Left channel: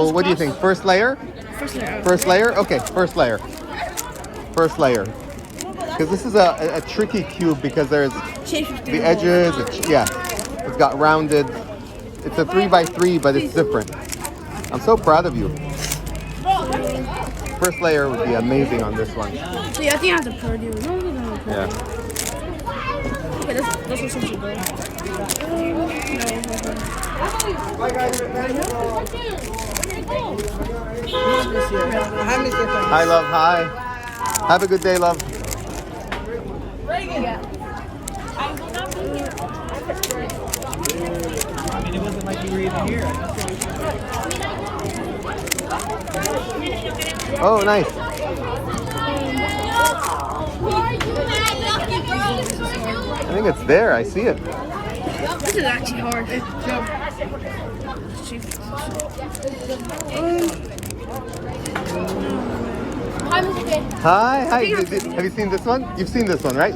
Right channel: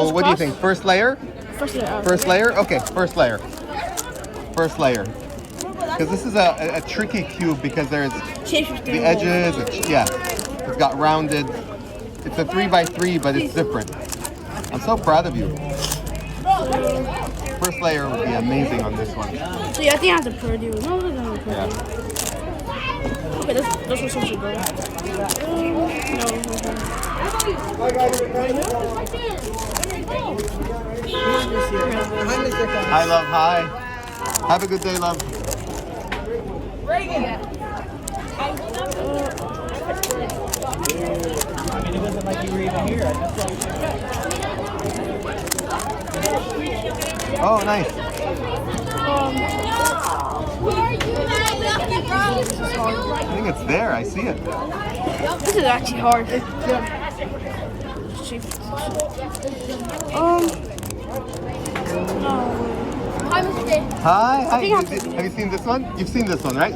So what do you think? First layer? First layer. First layer? Okay, first layer. First layer. Because this is a tricky cube because there's the edges. It's got rounded. It's a 3x3, but it's different. I'm so proud of you. First layer would be amazing on this one. See, I think I have to party. No, it doesn't have to party. Okay, this one should go. Hi, love. Hi. Have a good day, love. I mean, it wasn't like you were even here. Oh, nice. I think it's there. I see it. This is actually hard. Hi. Have you seen this one? You've seen this one, right?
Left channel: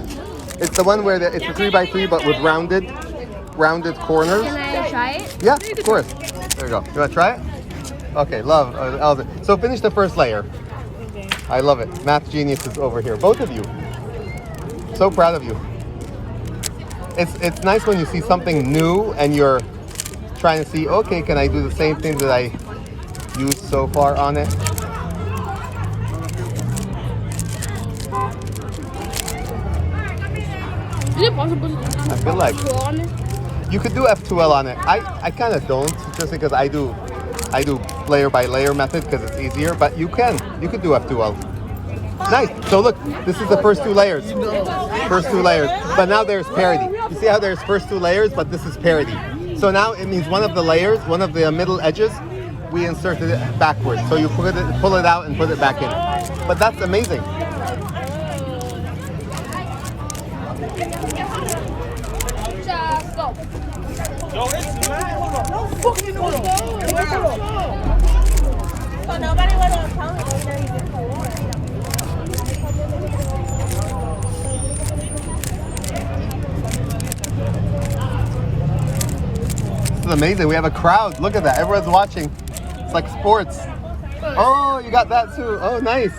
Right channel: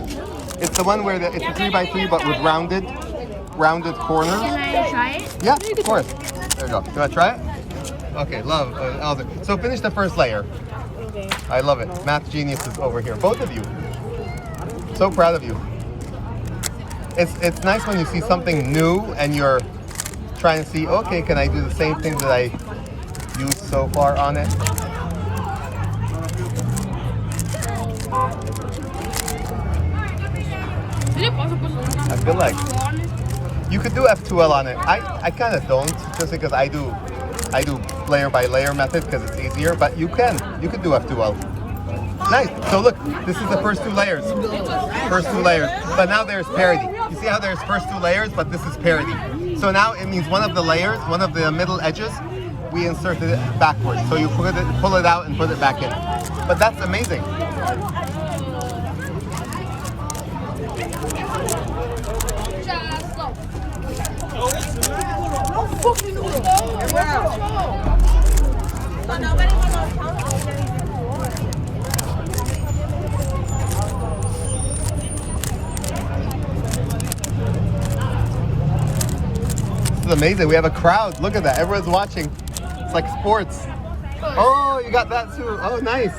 It's the one where it's a 3x3 but with rounded corners. Can I try it? Yeah, of course. There you go. You want to try it? Okay, love. So finish the first layer. Okay. I love it. Math geniuses over here. Both of you. So proud of you. It's nice when you see something new and you're trying to see, okay, can I do the same thing that I used so far on it? Is it possible to feel like F2L on it? You could do F2L on it. I kind of don't, just because I do layer by layer method because it's easier. But you could do F2L. Nice. So look, this is the first two layers. First two layers. But now there's parity. You see how there's first two layers, but this is parity. So now it means one of the layers, one of the middle edges, we inserted it backwards. So you pull it out and put it back in. But that's amazing. This is amazing. We have a crowd. Look at that. Everyone's watching. It's like sports. Oh, you got that too. Oh, nice.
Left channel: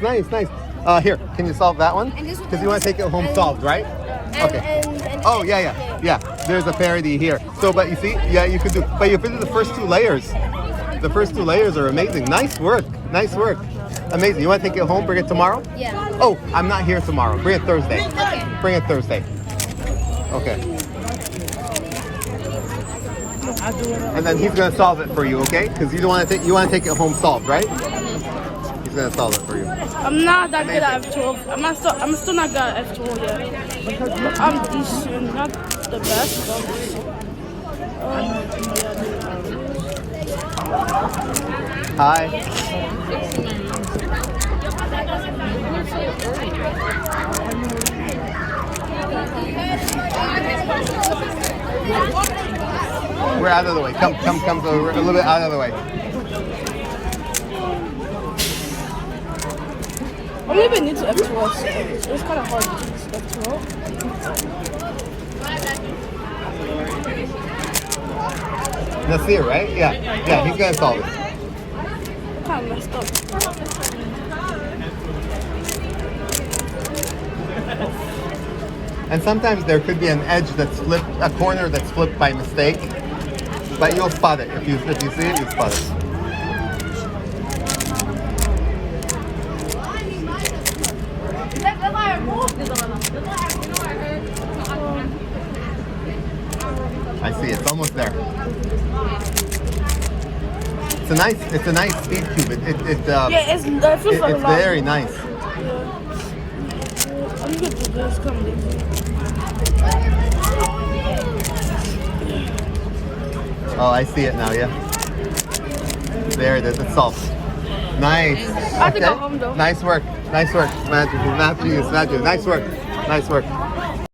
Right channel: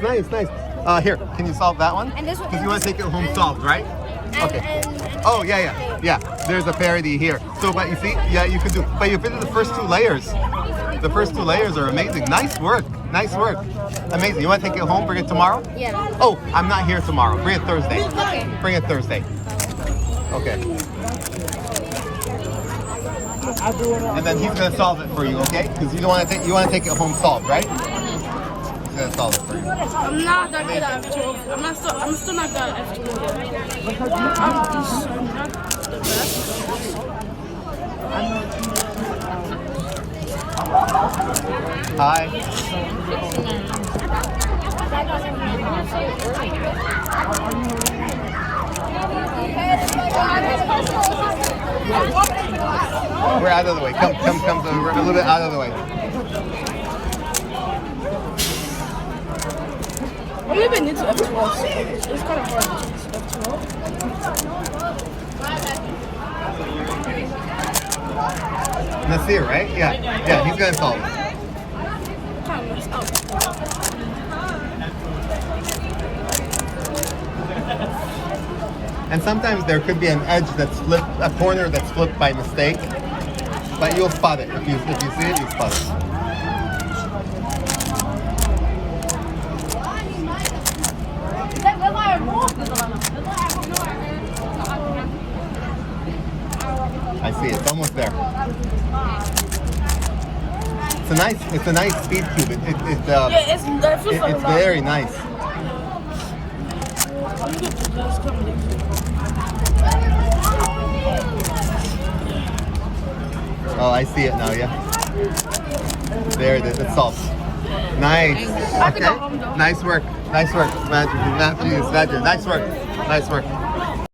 Here, can you solve that one? Because you want to take it home solved, right? Okay. Oh, yeah. There's a parity here. So, but you see, yeah, you could do. But you did the first two layers. The first two layers are amazing. Nice work. Amazing. You want to take it home? Bring it tomorrow? Yeah. Oh, I'm not here tomorrow. Bring it Thursday. Okay. Bring it Thursday. Okay. And then he's gonna solve it for you, okay? Because you want to take it home solved, right? He's gonna solve it for you. I'm not that good at F2L. I'm still not good at F2L yet. I'm not the best. Hi. We're out of the way. Come a little bit out of the way. I don't even need to F2L. It's kind of hard to F2L. That's it, right? Yeah, he's gonna solve it. Kind of messed up. And sometimes there could be an edge that's flipped, a corner that's flipped by mistake, but you'll spot it. If you see it, you'll spot it. I see, it's almost there. It's a nice speed cube. It's very nice. Oh, I see it now, yeah. There it is, it's solved. Nice. Okay. Nice work. Magic. Nice work.